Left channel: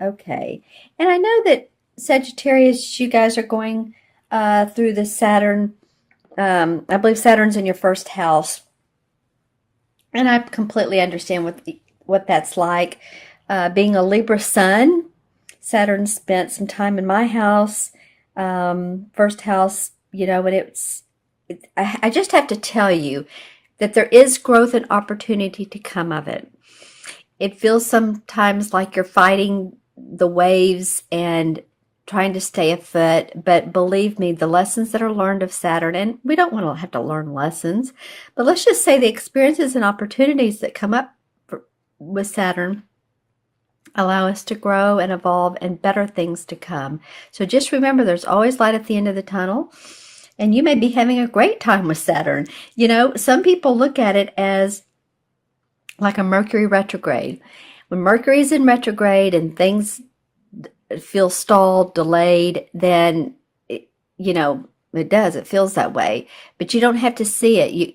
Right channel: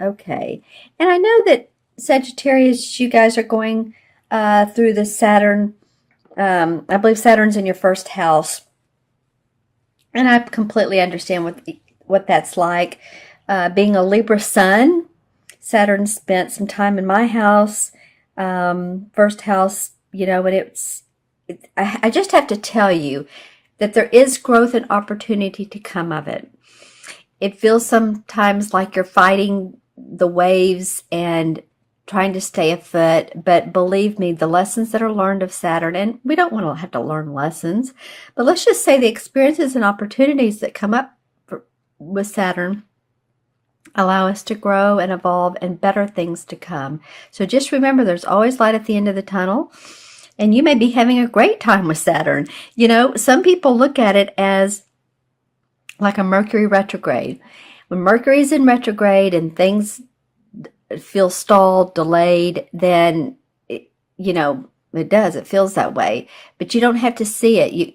Okay. And I know that Sagittarius, you guys are going through the Saturn. I believe Saturn's in your first house, and I completely understand what that's like. Being a Libra sun, Saturn spent some time in my house, first house, and I just have to tell you that there is growth and opportunity to come of it. It feels sometimes like you're fighting the waves and trying to stay afloat, but believe me, the lessons that are learned of Saturn, and we don't want to have to learn lessons, but let's just say the experiences and opportunities that come up with Saturn allow us to grow and evolve and better things to come. So just remember, there's always light at the end of the tunnel, and you may be having a great time with Saturn. Some people look at it as like a Mercury retrograde. When Mercury's in retrograde and things feel stalled, delayed, then it does. It feels that way. But you don't have to see it. You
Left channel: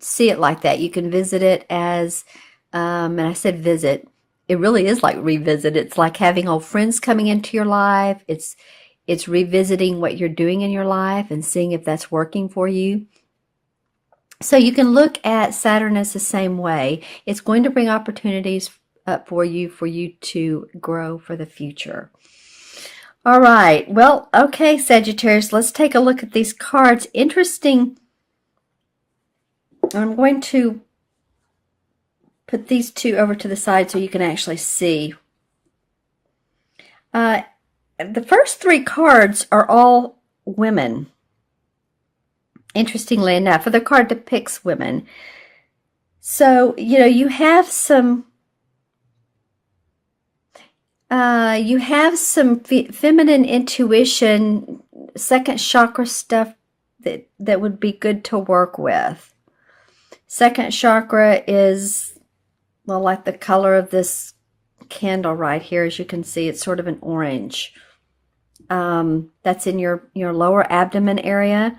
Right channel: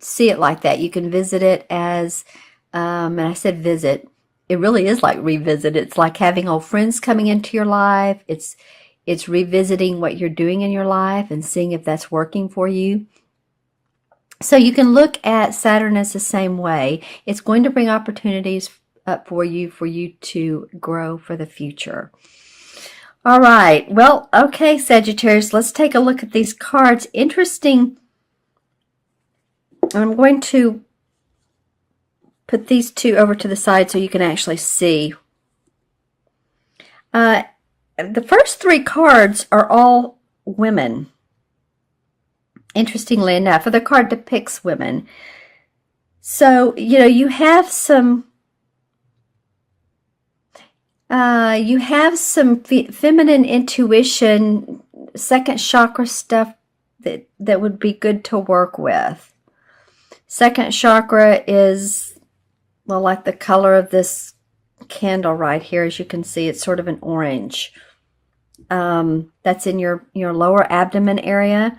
see it like that. You can visit it as, and I said visit. It really is like revisit. It's like having old friends coming into your life. It's revisiting what you're doing in your life and seeing if that's working for you. So you can look at Saturn as the same way. It's going to bring opportunities up for you to grow for the future. All right. Well, okay, Sagittarius, let's take a look at these cards. Interesting. I'm going to put these two over to the side so you can actually see. The first three cards are all women. Interestingly enough, the card depicts women. So, you have some feminine intuition, second chakra stuff that would be good to work with. Second chakra is, well, like the color of this candle right here. As you can see, it's sort of an orange. That's in your lower abdomen area.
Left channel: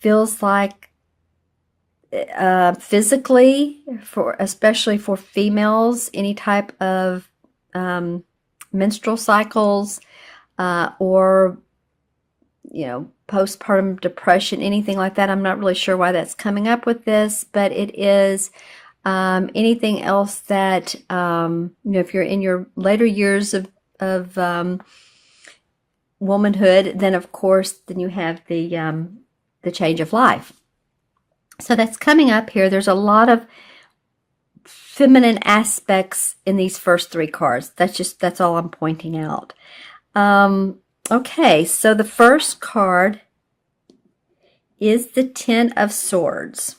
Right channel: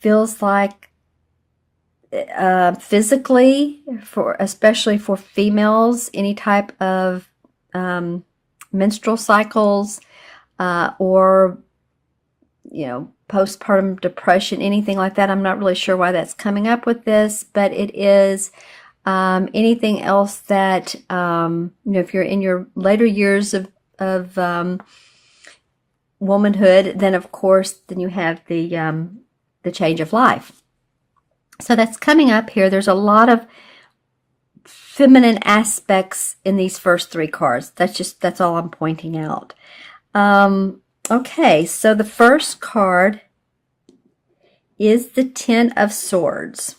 Feels like physically, especially for females, any type of menstrual cycles or postpartum depression, anything like that. I'm not really sure why that's coming up with this, but it is anything else that if you're in your later years of womanhood, then of course you have the change of life. So that's coming up here. There's a lot of feminine aspects in these first three cards. That's all I'm pointing out. Okay, so the first card is the Ten of Swords.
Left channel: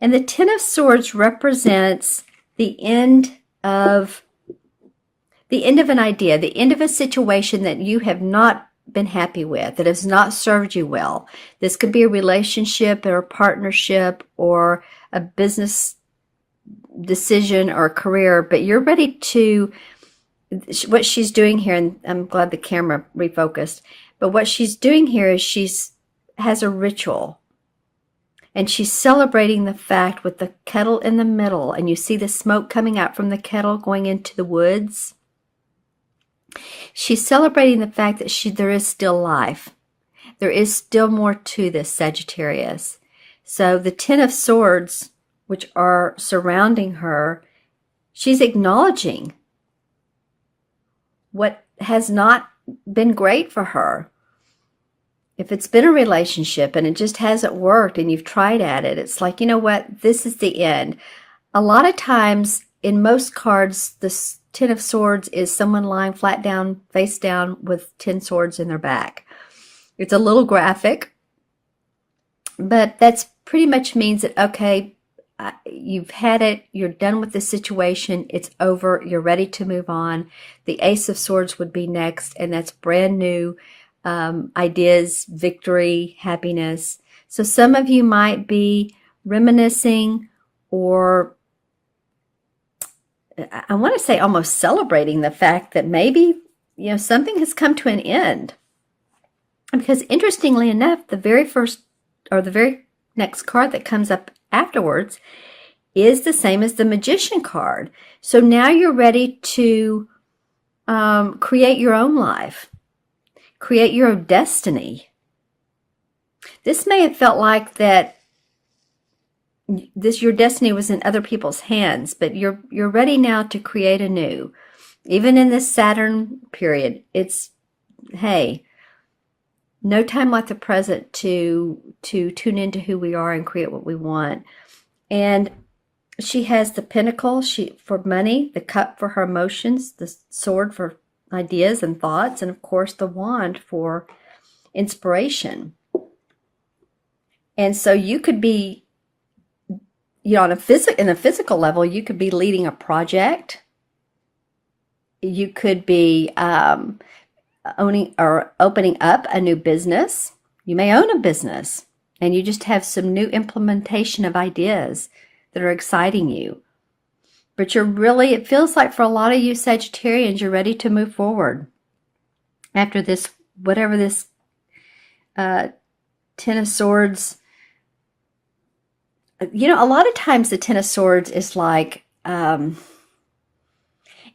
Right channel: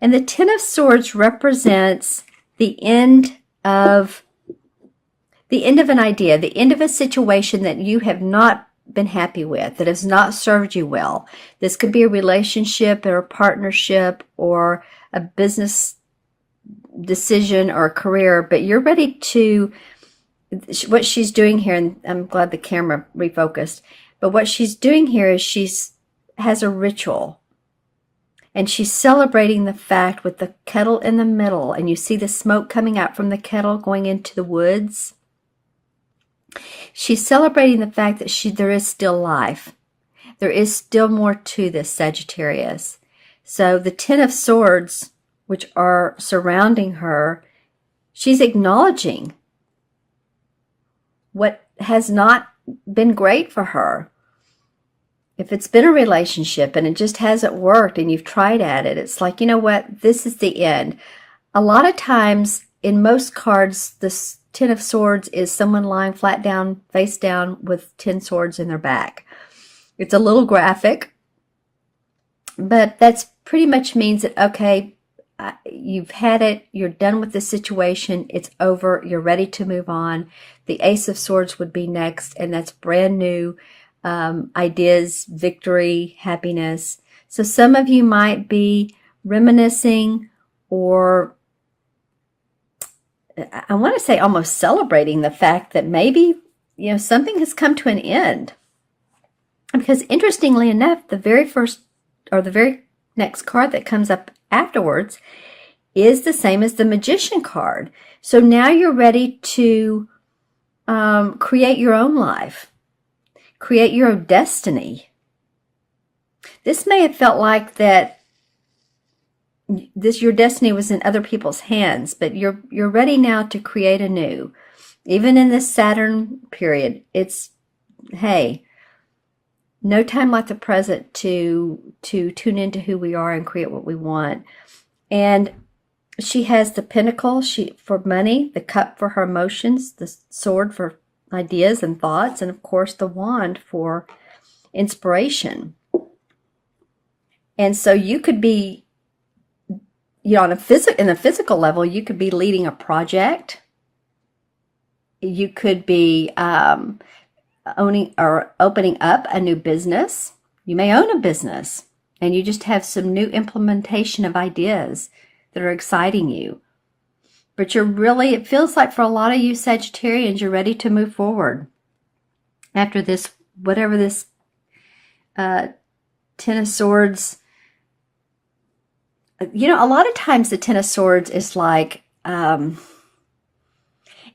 And the Ten of Swords represents the end of an idea, the end of a situation that you have not been happy with, that has not served you well. This could be a relationship or a partnership or a business decision or a career, but you're ready to, what she's doing here, and I'm glad the camera refocused, but what she's doing here is she's has a ritual, and she's celebrating the fact with the kettle in the middle, and you see the smoke coming out from the kettle going into the woods. She's celebrating the fact that there is still life. There is still more to this, Sagittarius. So the Ten of Swords, which are surrounding her, she's acknowledging what has not been great for her. If it's been a relationship and it just hasn't worked and you've tried at it, it's like, you know what, this is the end. A lot of times in most cards, the Ten of Swords is someone lying flat down, face down with 10 swords in their back. It's a little graphic, but that's pretty much means that, okay, you've had it, you're done with the situation, it's over, you're ready to move on. The Ace of Swords would be next, and that's brand new ideas, victory, happiness. So some of you might be reminiscing, or I want to say almost celebrating the fact that maybe, something has come to an end. Because interestingly enough, the very first or the very next card that comes up afterwards is the same as the Magician card. So now you're ready to create your own life, create your own destiny. This may have felt like that your destiny was in other people's hands, but you're ready now to create anew. Even in this Saturn period, it's, hey, no time like the present to tune into who we are and create what we want. And she has the pentacle for money, the cup for her emotions, the sword for ideas and thoughts, and of course the wand for inspiration. And so you could be, on in the physical level, you could be leading a project. You could be owning or opening up a new business. You may own a business and you just have some new implementation of ideas that are exciting you. But it feels like for a lot of you Sagittarians, you're ready to move forward after this, whatever this Ten of Swords. A lot of times the Ten of Swords is like,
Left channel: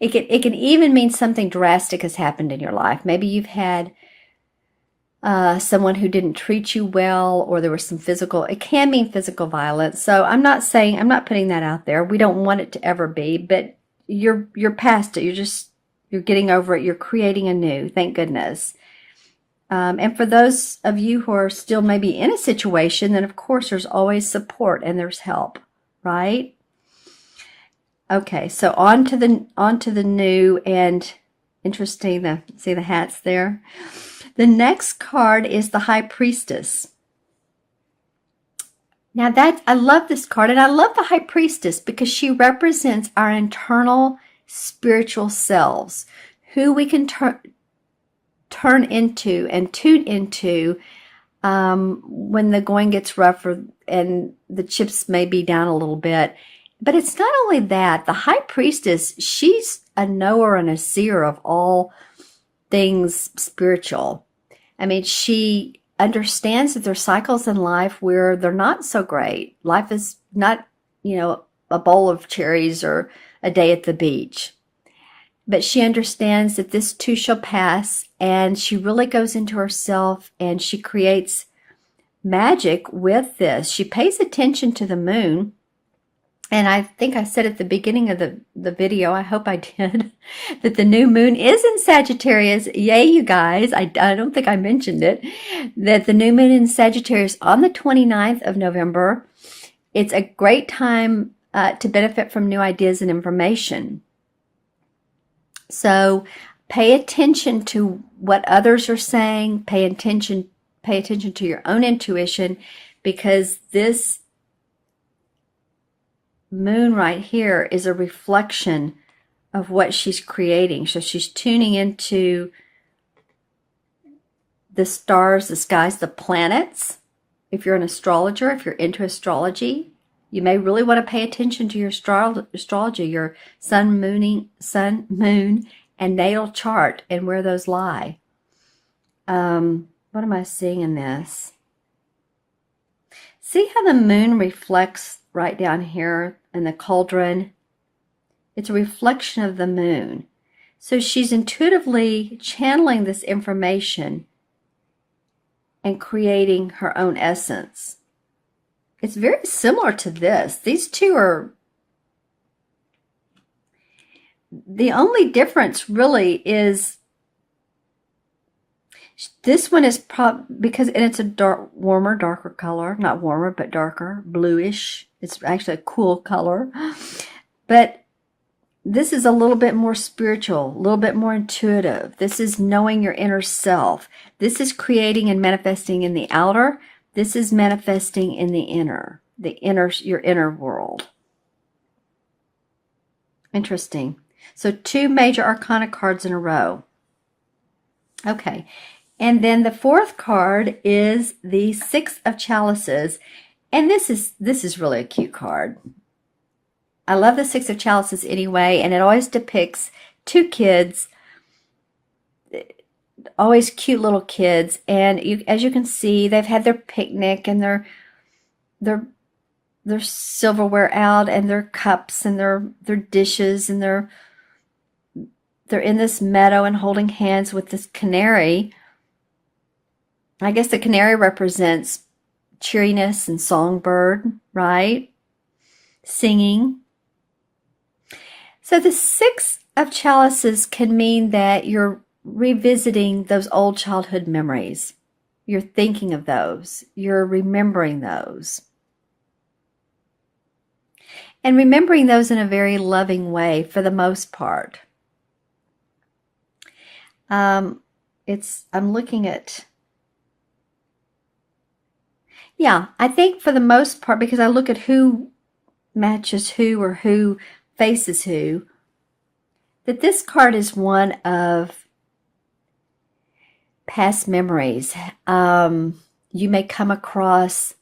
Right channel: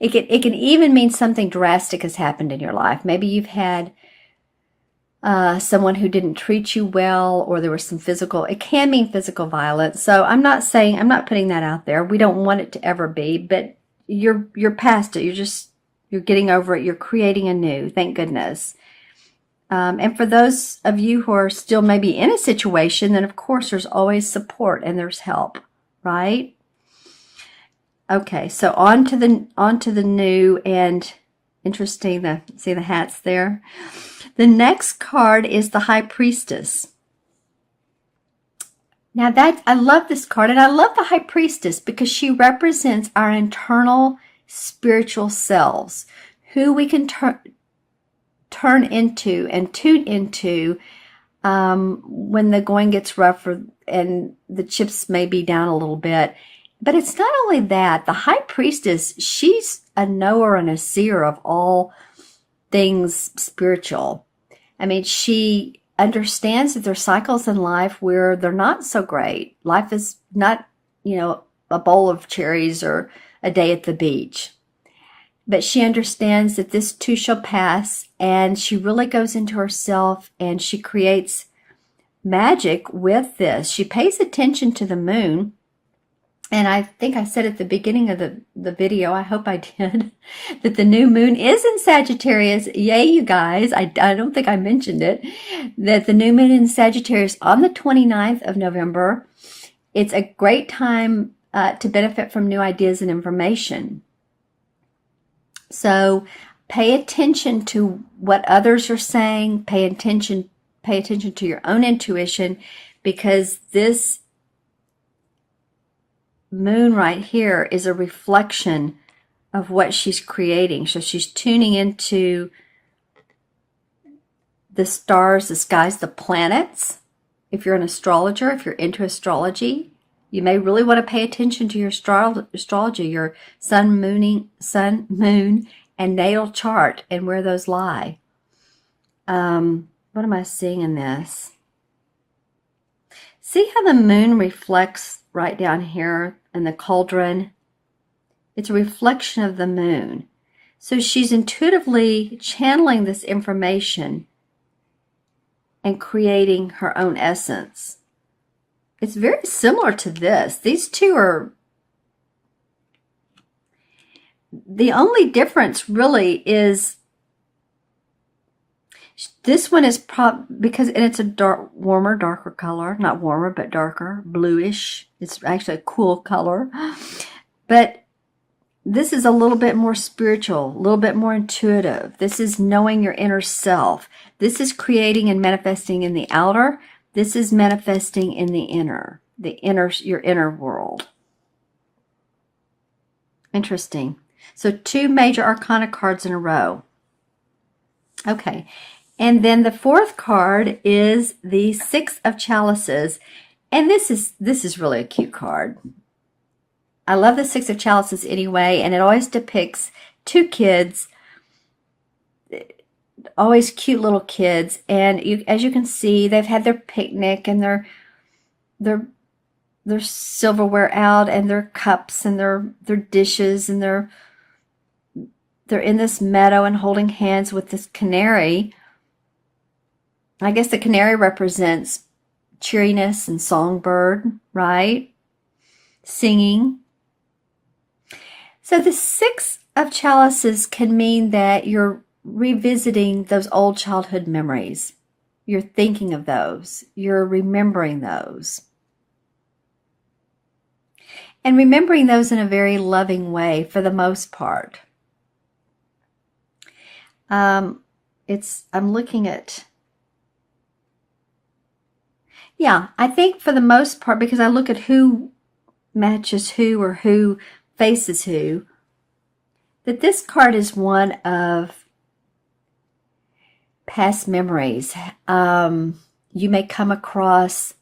it can even mean something drastic has happened in your life. Maybe you've had someone who didn't treat you well, or there was it can mean physical violence. So I'm not putting that out there. We don't want it to ever be, but you're past it. You're getting over it. You're creating anew. Thank goodness. And for those of you who are still maybe in a situation, then of course there's always support and there's help, right? Okay, so on to the new, and interesting, see the hats there. The next card is the High Priestess. Now I love this card, and I love the High Priestess because she represents our internal spiritual selves, who we can turn into and tune into when the going gets rougher and the chips may be down a little bit. But it's not only that. The High Priestess, she's a knower and a seer of all things spiritual. I mean, she understands that there's cycles in life where they're not so great. Life is not, a bowl of cherries or a day at the beach. But she understands that this too shall pass, and she really goes into herself and she creates magic with this. She pays attention to the moon. And I think I said at the beginning of the video, I hope I did, that the new moon is in Sagittarius. Yay, you guys. I don't think I mentioned it, that the new moon in Sagittarius on the 29th of November. It's a great time to benefit from new ideas and information. So pay attention to what others are saying. Pay attention to your own intuition, because this moon right here is a reflection of what she's creating. So she's tuning into the stars, the skies, the planets. If you're an astrologer, if you're into astrology, you may really want to pay attention to your astrology, your sun, moon, and natal chart, and where those lie. What am I seeing in this? See how the moon reflects right down here in the cauldron? It's a reflection of the moon. So she's intuitively channeling this information and creating her own essence. It's very similar to this. These two are, the only difference really is this one is because it's a darker color, not warmer, but darker, bluish. It's actually a cool color. But this is a little bit more spiritual, a little bit more intuitive. This is knowing your inner self. This is creating and manifesting in the outer. This is manifesting in the inner, your inner world. Interesting. So 2 major arcana cards in a row. Okay. And then the 4th card is the 6 of Chalices. And this is really a cute card. I love the 6 of Chalices anyway, and it always depicts 2 kids, always cute little kids. And as you can see, they've had their picnic and their silverware out, and their cups and their dishes and their they're in this meadow and holding hands with this canary. I guess the canary represents cheeriness and songbird, right? Singing. So the Six of Chalices can mean that you're revisiting those old childhood memories. You're thinking of those. You're remembering those. And remembering those in a very loving way for the most part. I'm looking at, yeah, I think for the most part, because I look at who matches who or who faces who, that this card is one of past memories. You may come across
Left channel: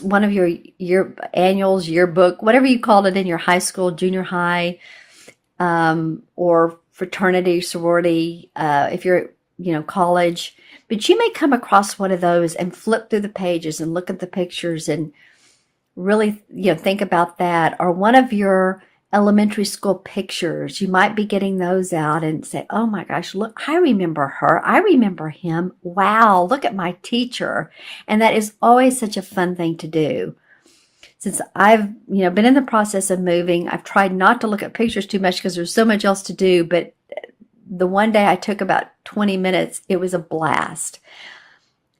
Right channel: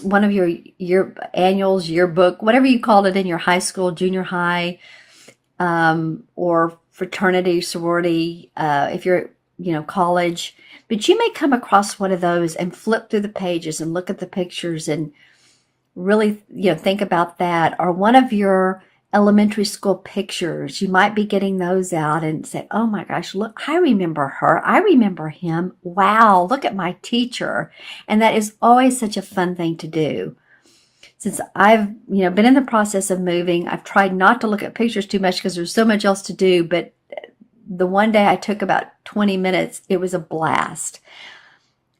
one of your annuals, yearbook, whatever you called it in your high school, junior high, or fraternity, sorority, if you're, college. But you may come across one of those and flip through the pages and look at the pictures and really, think about that. Or one of your elementary school pictures, you might be getting those out and say, oh my gosh, look, I remember her. I remember him. Wow, look at my teacher. And that is always such a fun thing to do. Since I've, been in the process of moving, I've tried not to look at pictures too much because there's so much else to do. But the one day I took about 20 minutes, it was a blast.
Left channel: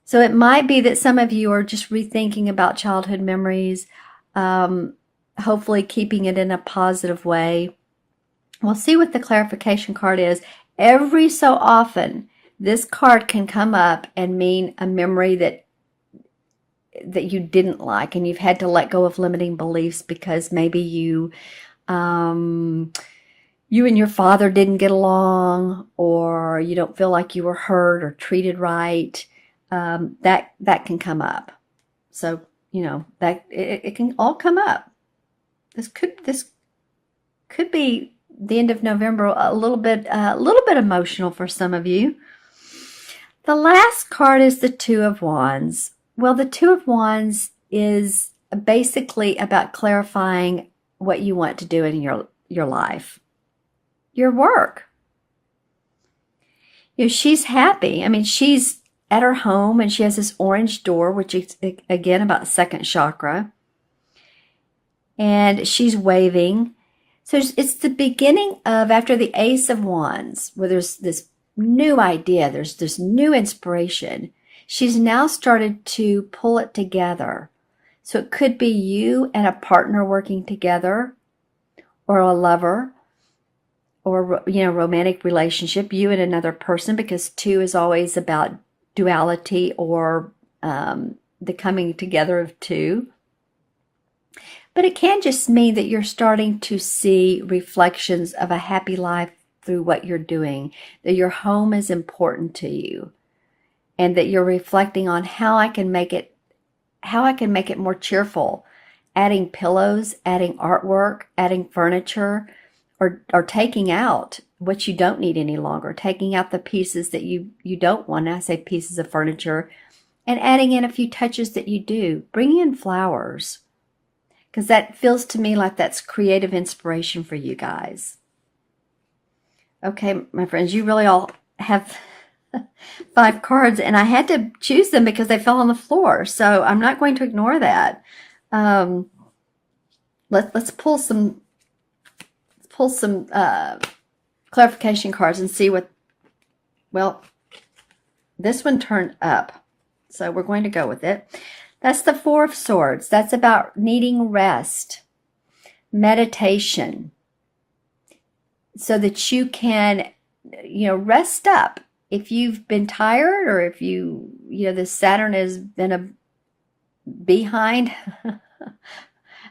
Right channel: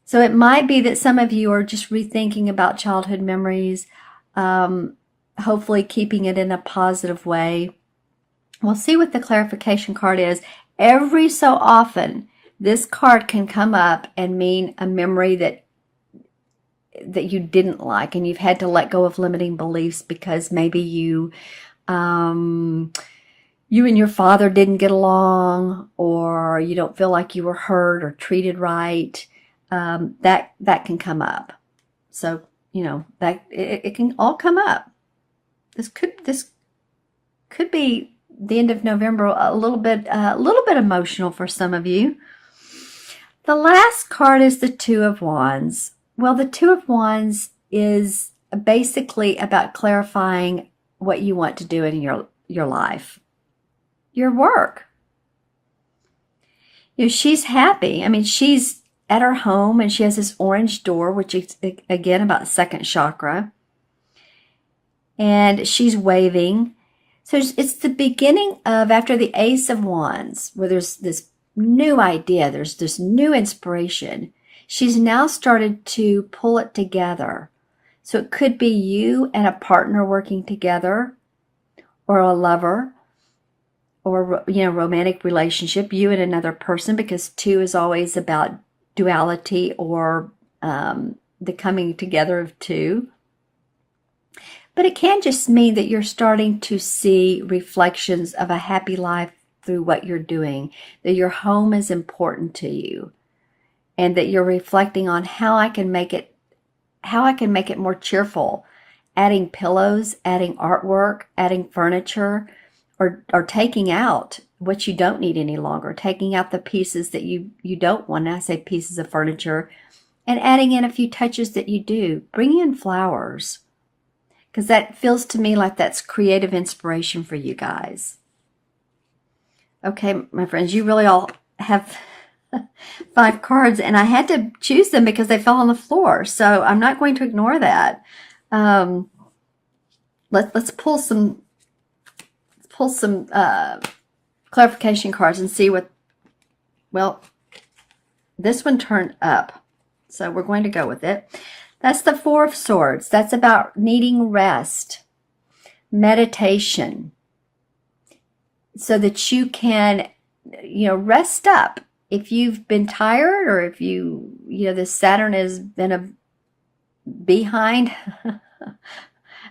So it might be that some of you are just rethinking about childhood memories, hopefully keeping it in a positive way. We'll see what the clarification card is. Every so often, this card can come up and mean a memory that you didn't like, and you've had to let go of limiting beliefs because maybe you and your father didn't get along, or you don't feel like you were heard or treated right. That can come up. So, that it can all come up. This could be the end of November, a little bit emotional for some of you. The last card is the Two of Wands. Well, the Two of Wands is basically about clarifying what you want to do in your life, your work. She's happy. I mean, she's at her home and she has this orange door, which is, again, about second chakra. And she's waving. So it's the beginning of, after the Ace of Wands, where there's this new idea, there's this new inspiration. She's now started to pull it together. So it could be you and a partner working together, or a lover, or, romantic relationship, you and another person, because two is always about duality or the coming together of two. But it can just mean that you're starting to see reflections of a happy life through what you're doing, that your home is important to you, and that you're reflecting on how I can make it more cheerful, adding pillows, adding artwork, adding furniture, or taking out what you don't need any longer, taking out the pieces that you don't want. I say pieces of furniture, and adding in a few touches that you do. Bring in flowers, because that feels to me like that's creative inspiration for you guys. Okay, my friends, you really all have 5 cards, and I had to choose them because they fell on the floor. So I'm not going to ignore that. Let's pull some clarification cards and see what. Well, this one turned up, so we're going to go with it. That's the Four of Swords. That's about needing rest, meditation, so that you can, rest up. If you've been tired, or if the Saturn has been a behind,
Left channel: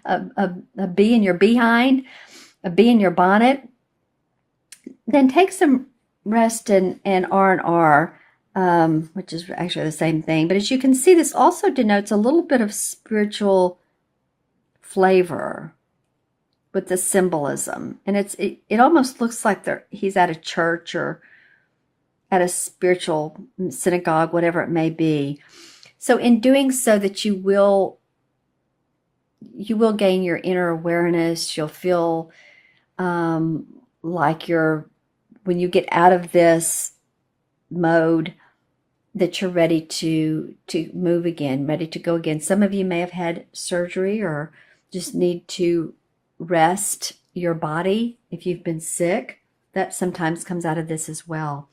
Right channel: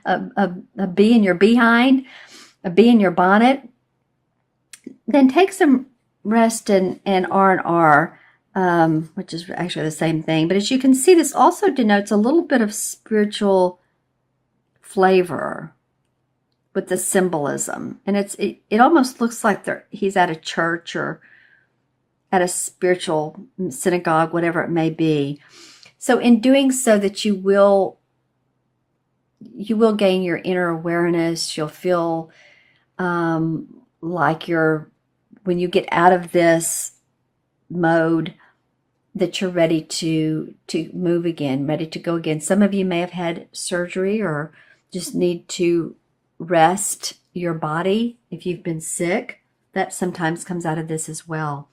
a bee in your behind, a bee in your bonnet, then take some rest in R&R. Which is actually the same thing. But as you can see, this also denotes a little bit of spiritual flavor with the symbolism. And it almost looks like he's at a church or at a spiritual synagogue, whatever it may be. So in doing so, that you will gain your inner awareness. You'll feel like when you get out of this mode, that you're ready to move again, ready to go again. Some of you may have had surgery or just need to rest your body if you've been sick. That sometimes comes out of this as well.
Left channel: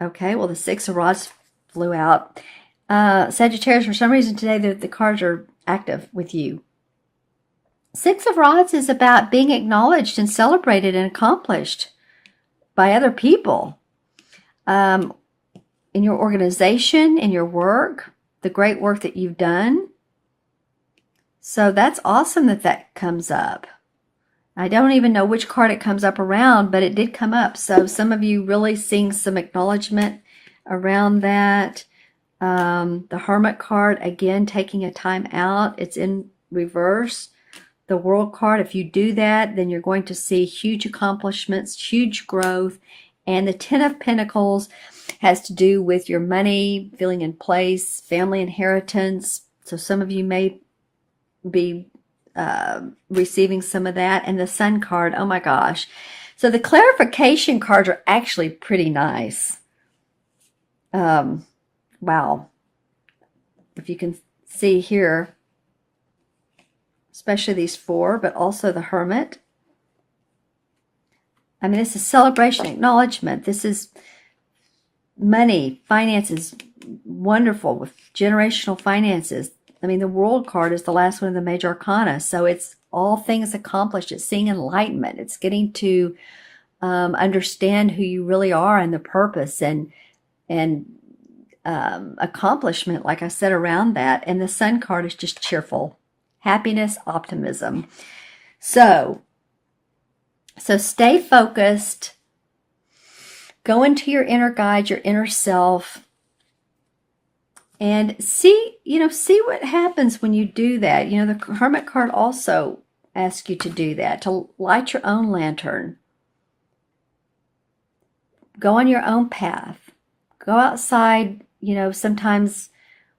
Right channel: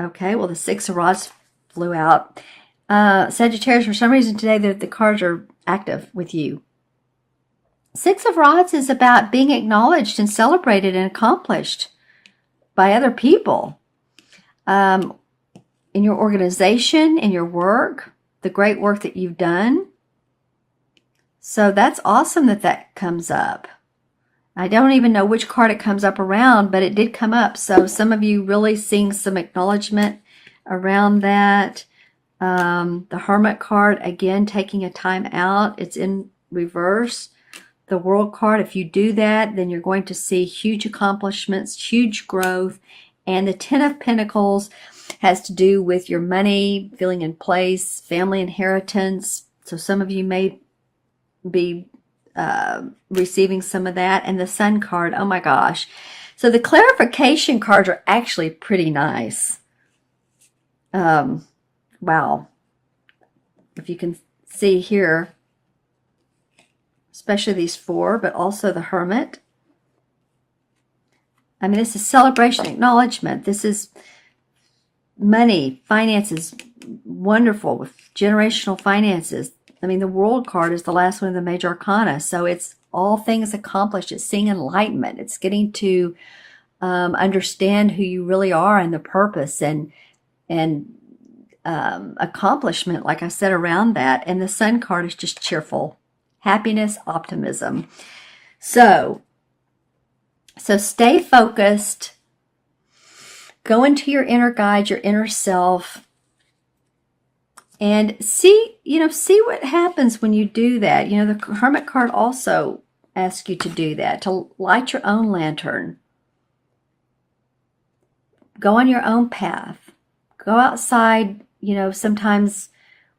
Okay, well, the Six of Rods flew out. Sagittarius, for some reason today, the cards are active with you. Six of Rods is about being acknowledged and celebrated and accomplished by other people. In your organization, in your work, the great work that you've done. So that's awesome that comes up. I don't even know which card it comes up around, but it did come up. So some of you really seeing some acknowledgement around that. The Hermit card, again, taking a time out. It's in reverse. The World card, if you do that, then you're going to see huge accomplishments, huge growth. And the Ten of Pentacles has to do with your money, feeling in place, family inheritance. So some of you may be receiving some of that. And the Sun card, oh my gosh. So the clarification cards are actually pretty nice. Wow. If you can see here, especially these four, but also the Hermit. I mean, this is celebration, acknowledgement. This is money, finances, wonderful with generational finances. I mean, the World card is the last one of the major arcana. So it's all things accomplished. It's seeing enlightenment. It's getting to understand who you really are and the purpose and accomplishment, like I said, around that. And the Sun card is just cheerful, happiness, optimism. So stay focused. Go into your inner guide, your inner self, and see what happens when you do that. You know, the Hermit card also asks you to do that, to light your own lantern. Go on your own path. Go outside, you know, sometimes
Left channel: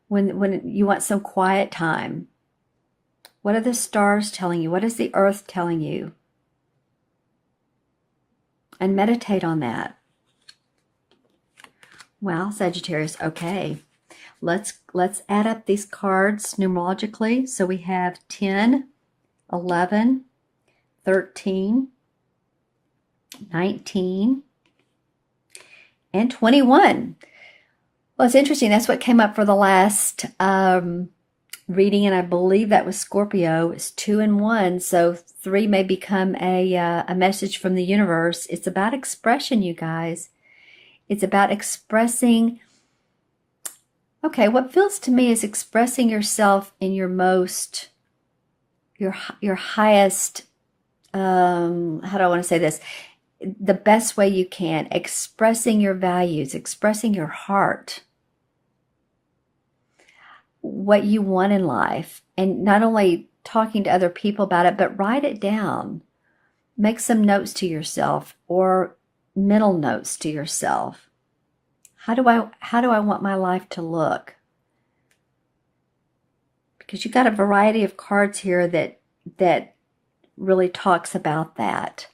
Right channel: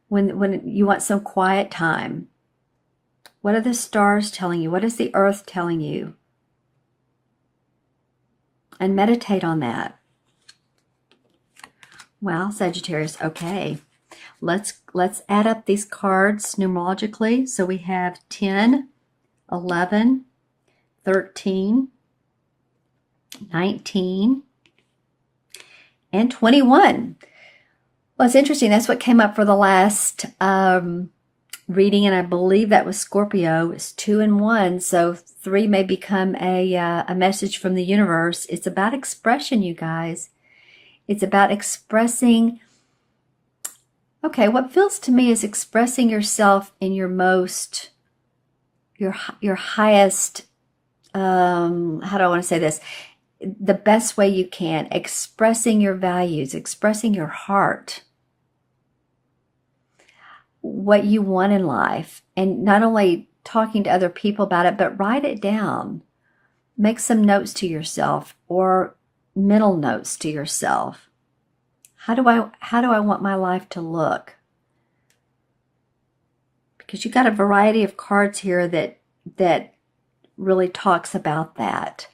when you want some quiet time. What are the stars telling you? What is the earth telling you? And meditate on that. Well, Sagittarius, okay. Let's add up these cards numerologically. So we have 10, 11, 13, 19, and 21. Well, it's interesting. That's what came up for the last reading, and I believe that was Scorpio. It's 2 and 1, so 3 may become a message from the universe. It's about expression, you guys. It's about expressing. Okay, what feels to me is expressing yourself in your most, your highest. How do I want to say this? The best way you can. Expressing your values, expressing your heart, what you want in life, and not only talking to other people about it, but write it down. Make some notes to yourself or mental notes to yourself. How do I want my life to look? Because you got a variety of cards here that really talks about that.